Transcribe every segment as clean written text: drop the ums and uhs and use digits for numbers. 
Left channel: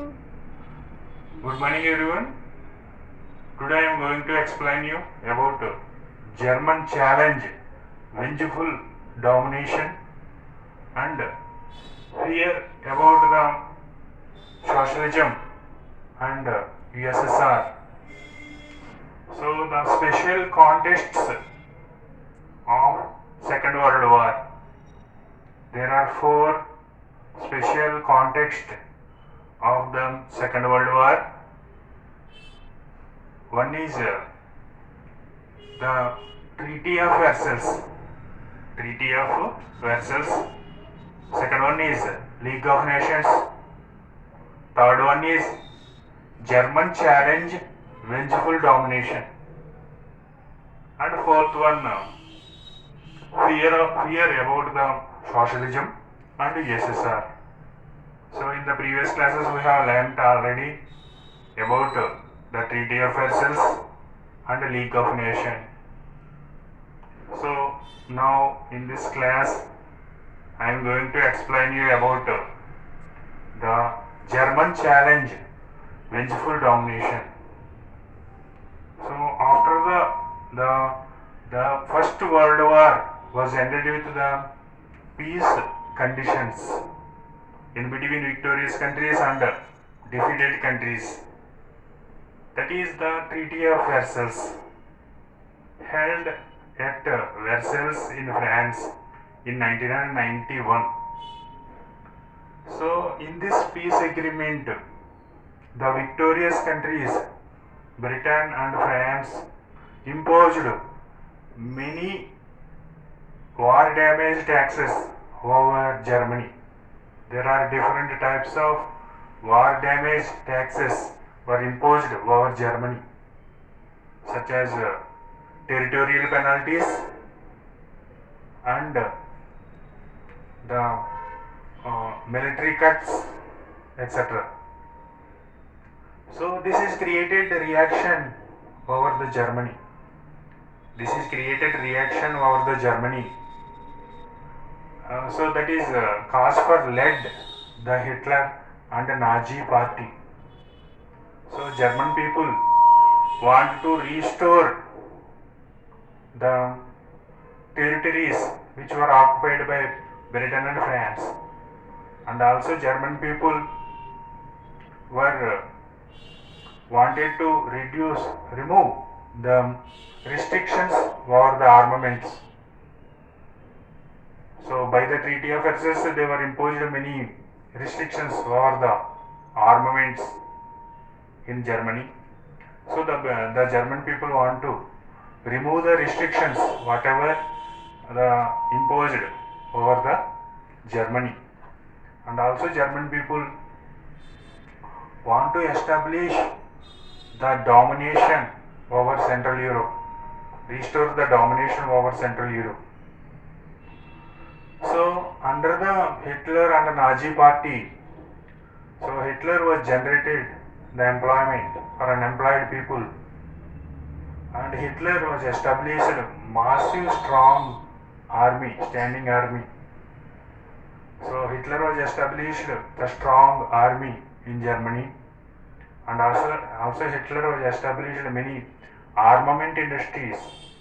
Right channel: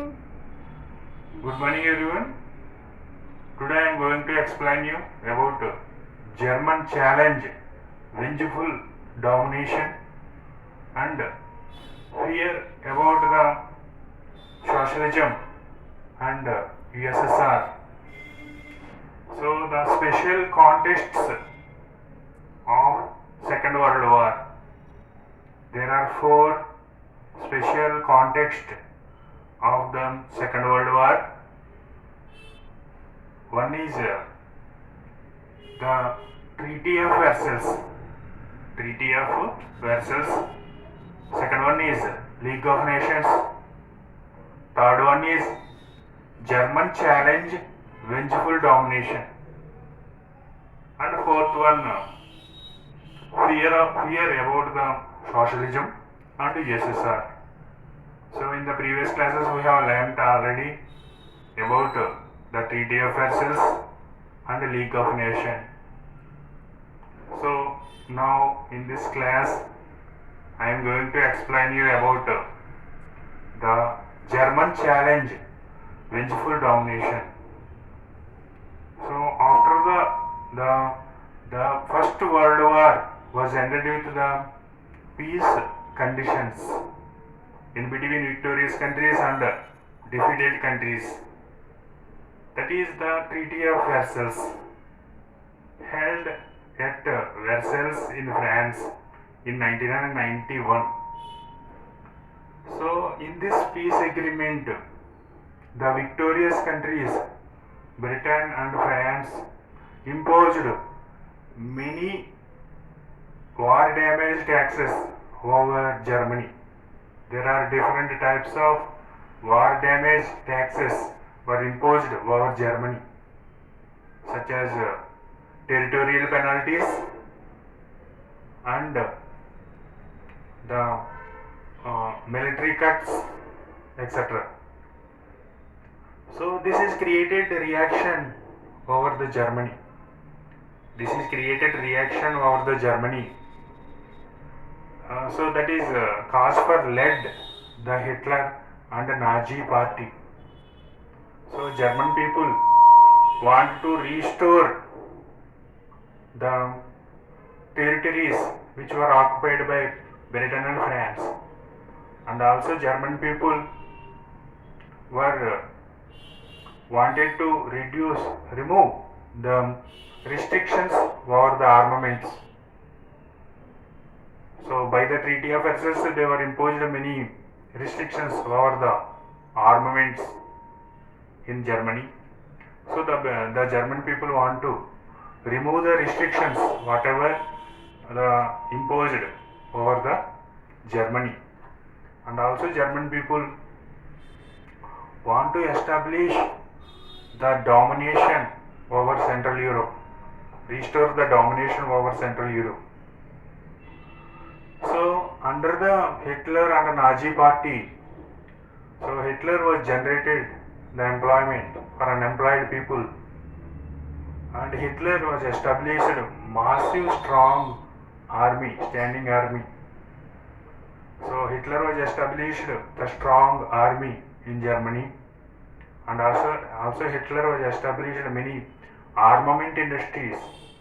Good morning everyone. Today I am going to explain you about German challenge, vengeful domination and fear about the socialism and USSR. So the special contexts of Second World War. There are four special contexts of the Second World War. One is the Treaty of Versailles. Treaty of Versailles. Second one is League of Nations. Third one is German challenge, vengeful domination. And fourth one, fear about the socialism and USSR. So in the previous classes we have learnt already about the Treaty of Versailles and the League of Nations. So now in this class I am going to explain you about the German challenge, vengeful domination. So after the First World War was ended with the peace conditions in between victorious countries and defeated countries. That is the Treaty of Versailles, held at Versailles in France in 1991. So in this peace agreement, the victorious countries Britain and France imposed many war damage taxes over Germany. There are different types of war damage taxes were imposed over Germany, such as territorial penalties and the military cuts, etc. So this is created reaction over the Germany. This is created reaction over the Germany. So that is cause for led the Hitler and the Nazi party. So German people want to restore the territories which were occupied by Britain and France, and also German people were wanted to remove the restrictions over the armaments. So by the Treaty of Versailles they were imposed many restrictions over the armaments in Germany. So the German people want to remove the restrictions whatever the imposed over the Germany, and also German people want to establish the domination over Central Europe, restore the domination over Central Europe. So under the Hitler and the Nazi party, so Hitler was generated the employment for unemployed people, and Hitler was established massive strong army, standing army. So Hitler was established the strong army in Germany, and also Hitler was established many armament industries.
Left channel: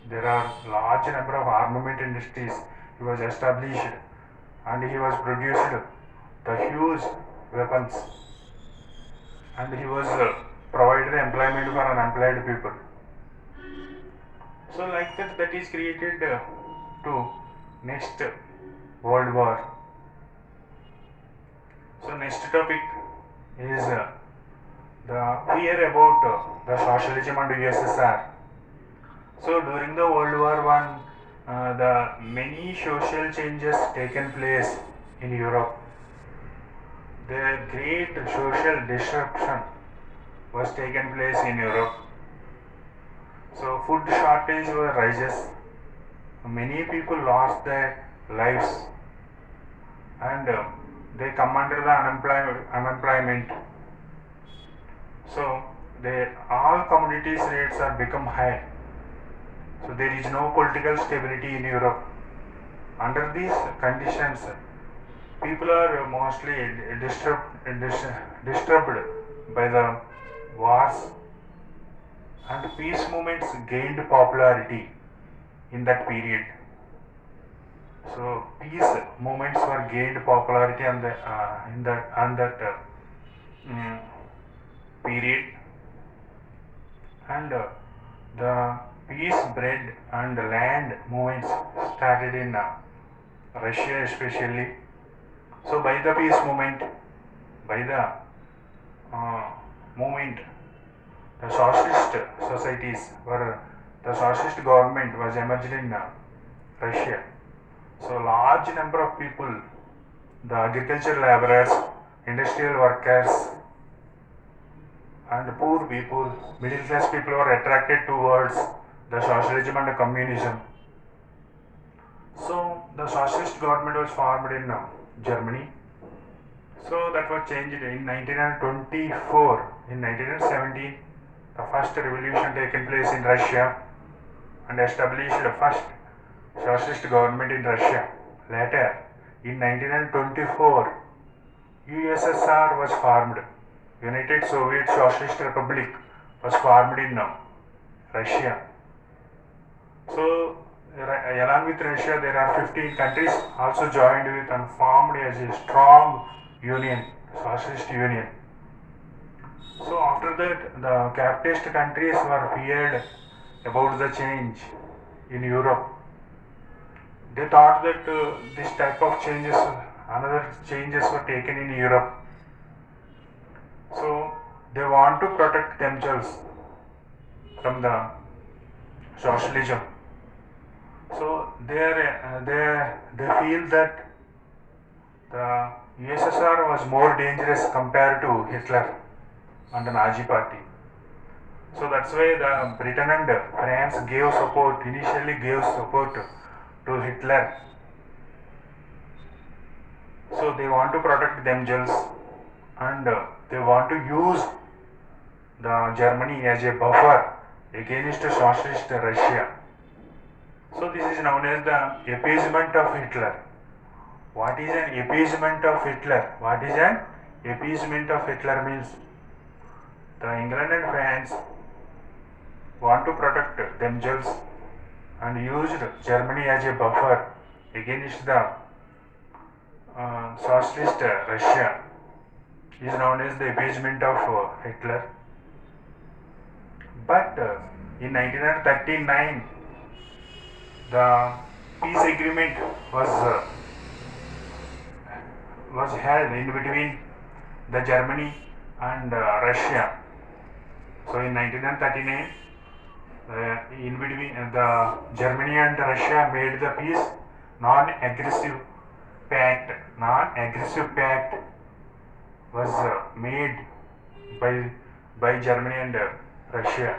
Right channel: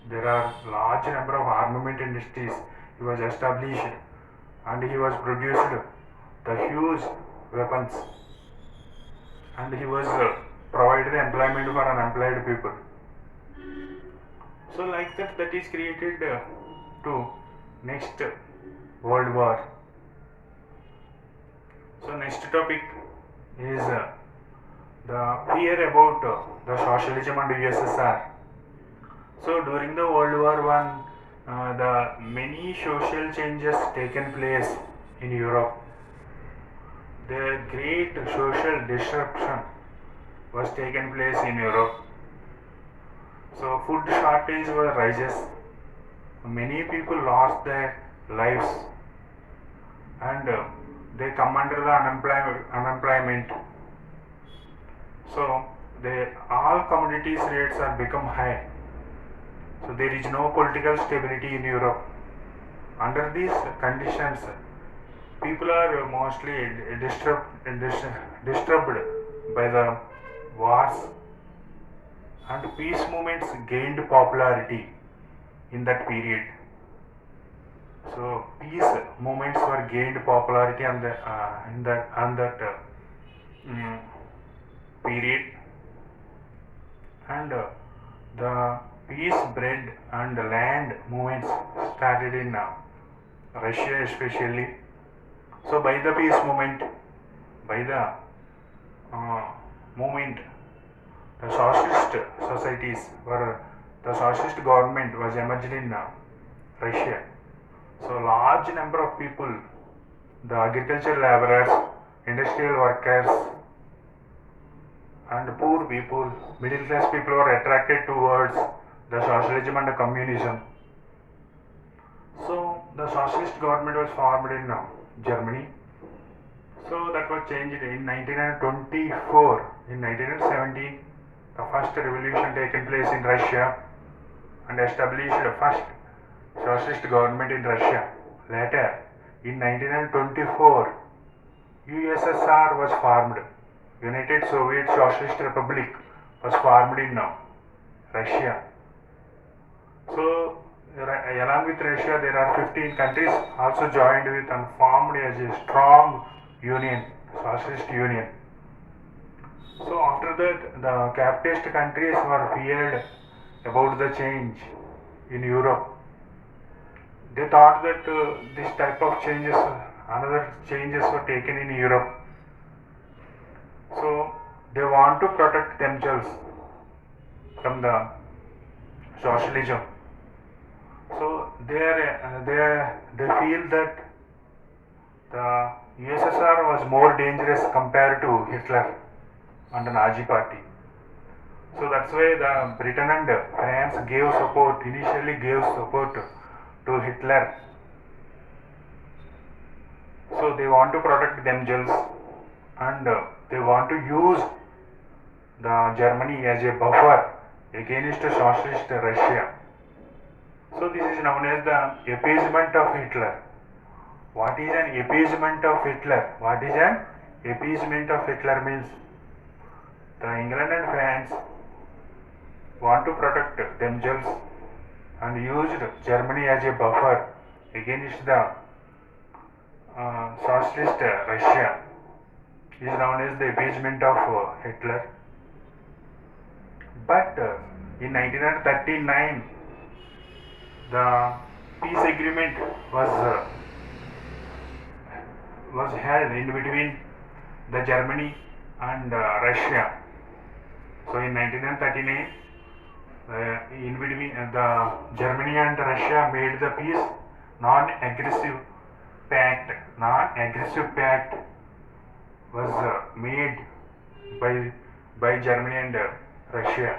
There are large number of armament industries he was established, and he was produced the huge weapons, and he was provided employment for unemployed people. So like that is created to next World War. So next topic is the fear about the socialism and USSR. So during the World War One, the many social changes taken place in Europe. The great social disruption was taken place in Europe. So food shortage was rises. Many people lost their lives, and they come under the unemployment. So all commodities rates are become high. So there is no political stability in Europe. Under these conditions, people are mostly disturbed by the wars, and peace movements gained popularity in that period. So peace movements were gained popularity in that mm, period, and the peace bread and land movements started in Russia especially. So by the peace movement, by the uh, movement, the socialist societies were the socialist government was emerged in Russia. So large number of people, the agricultural laborers, industrial workers, and poor people, middle class people were attracted towards the socialism and the communism. So the socialist government was formed in Germany. So that was changed in 1924. In 1917, the first revolution taken place in Russia and established the first socialist government in Russia. Later, in 1924, USSR was formed. United Soviet Socialist Republic was formed in Russia. So, along with Russia, there are 15 countries also joined with and formed as a strong union, socialist union. So, after that, the capitalist countries were feared about the change in Europe. They thought that this type of changes, another changes were taken in Europe. So, they want to protect themselves from the socialism. So they feel that the USSR was more dangerous compared to Hitler and the Nazi party. So that's why the Britain and France initially gave support to Hitler. So they want to protect themselves, and they want to use the Germany as a buffer against socialist Russia. So this is known as the appeasement of Hitler. What is an appeasement of Hitler? What is an appeasement of Hitler means? The England and France want to protect themselves and used Germany as a buffer against the socialist Russia. It is known as the appeasement of Hitler. But in 1939, the peace agreement was held in between the Germany and Russia. So in 1939, in between the Germany and Russia made the peace non-aggressive pact. Non-aggressive pact was made by Germany and Russia.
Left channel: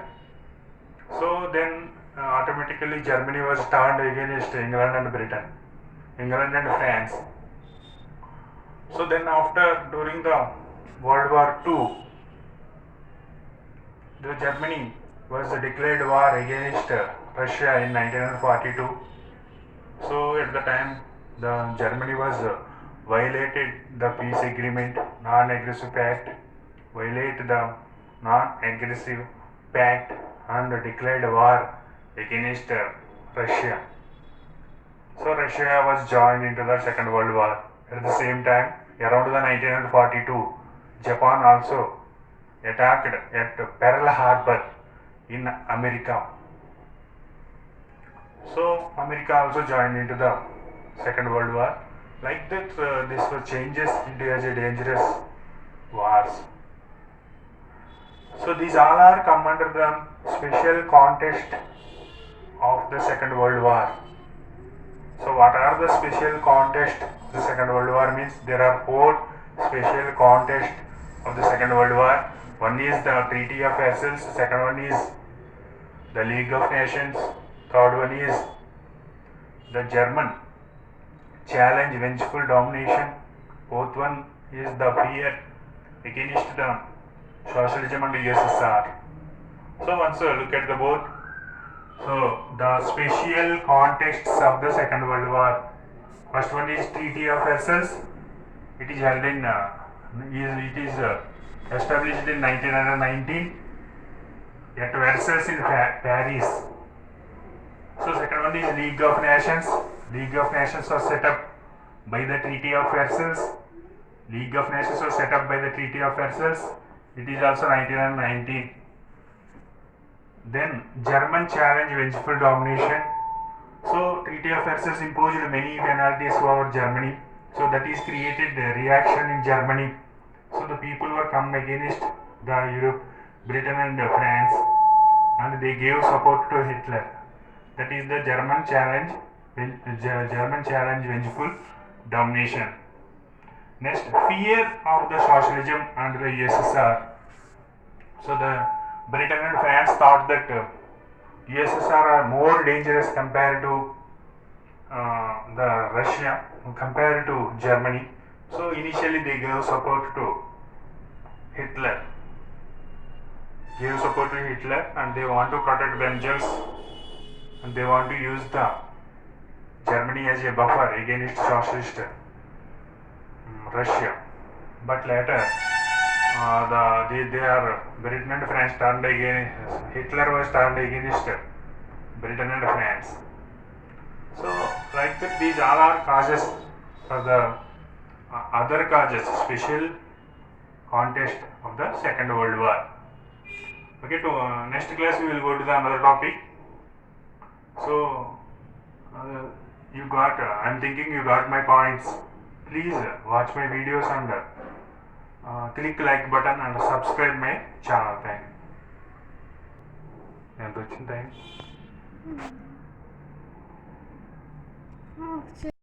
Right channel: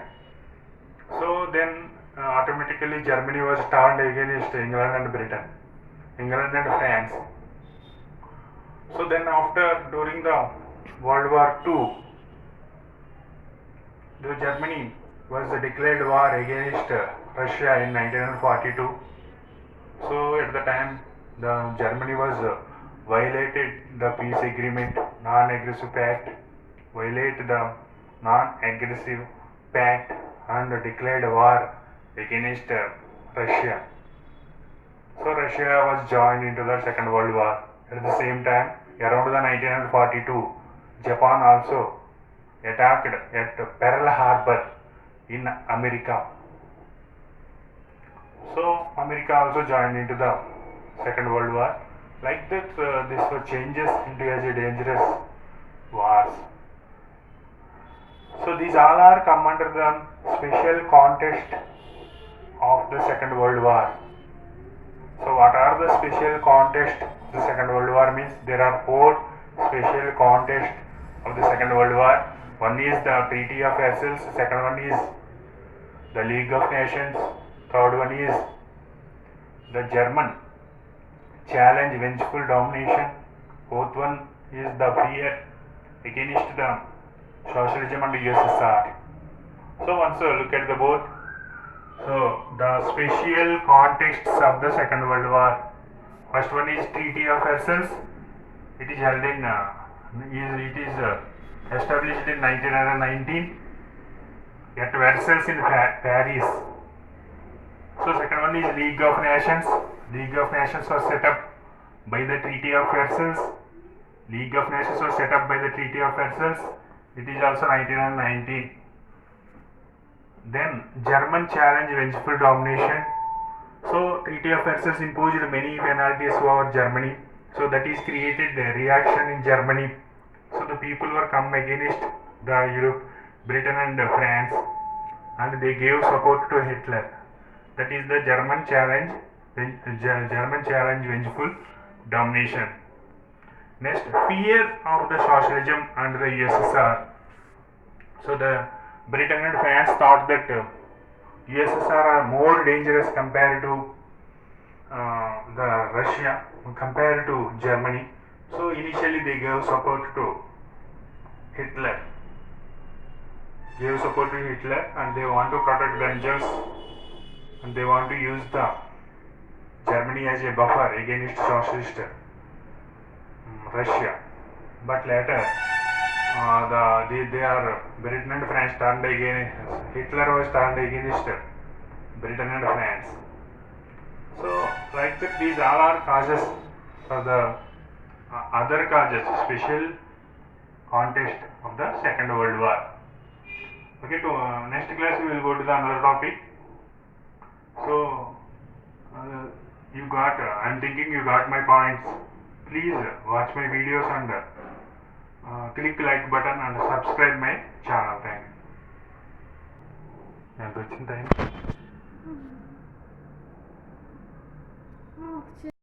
So then automatically Germany was turned against England and Britain, England and France. So then during the World War II, the Germany was declared war against Russia in 1942. So at the time, the Germany was violated the peace agreement, non-aggressive pact, violated the non-aggressive pact and declared war against Russia. So Russia was joined into the Second World War. At the same time, around the 1942, Japan also attacked at Pearl Harbor in America. So America also joined into the Second World War. Like that, this was changes into as a dangerous wars. So these all are come under the special context of the Second World War. So what are the special context of the Second World War means? There are 4 special context of the Second World War. One is the Treaty of Versailles, second one is the League of Nations, third one is the German challenge vengeful domination, fourth one is the fear against the socialism and USSR. So once look at the both. So the special contexts of the Second World War. First one is Treaty of Versailles. It is held in It is established in 1919 at Versailles in Paris. So second one is League of Nations. League of Nations was set up by the Treaty of Versailles. League of Nations was set up by the Treaty of Versailles. It is also 1919. Then German challenge vengeful domination. So Treaty of Versailles imposed many penalties over Germany. So that is created a reaction in Germany. So the people were come against the Europe, Britain and France, and they gave support to Hitler. That is the German challenge vengeful domination. Next, fear of the socialism and the USSR. So the Britain and France thought that USSR are more dangerous compared to the Russia, compared to Germany. So initially they gave support to Hitler. And they want to protect themselves, and they want to use the Germany as a buffer against socialist Russia. But later they are Britain and France turned against Hitler was turned against Britain and France. So like that, these all are causes for the other causes, special contest of the Second World War. Okay, to next class we will go to the another topic. So you got I'm thinking you got my points. Please watch my videos and click like button and subscribe my channel. Thank you. ఎంత వచ్చింది time?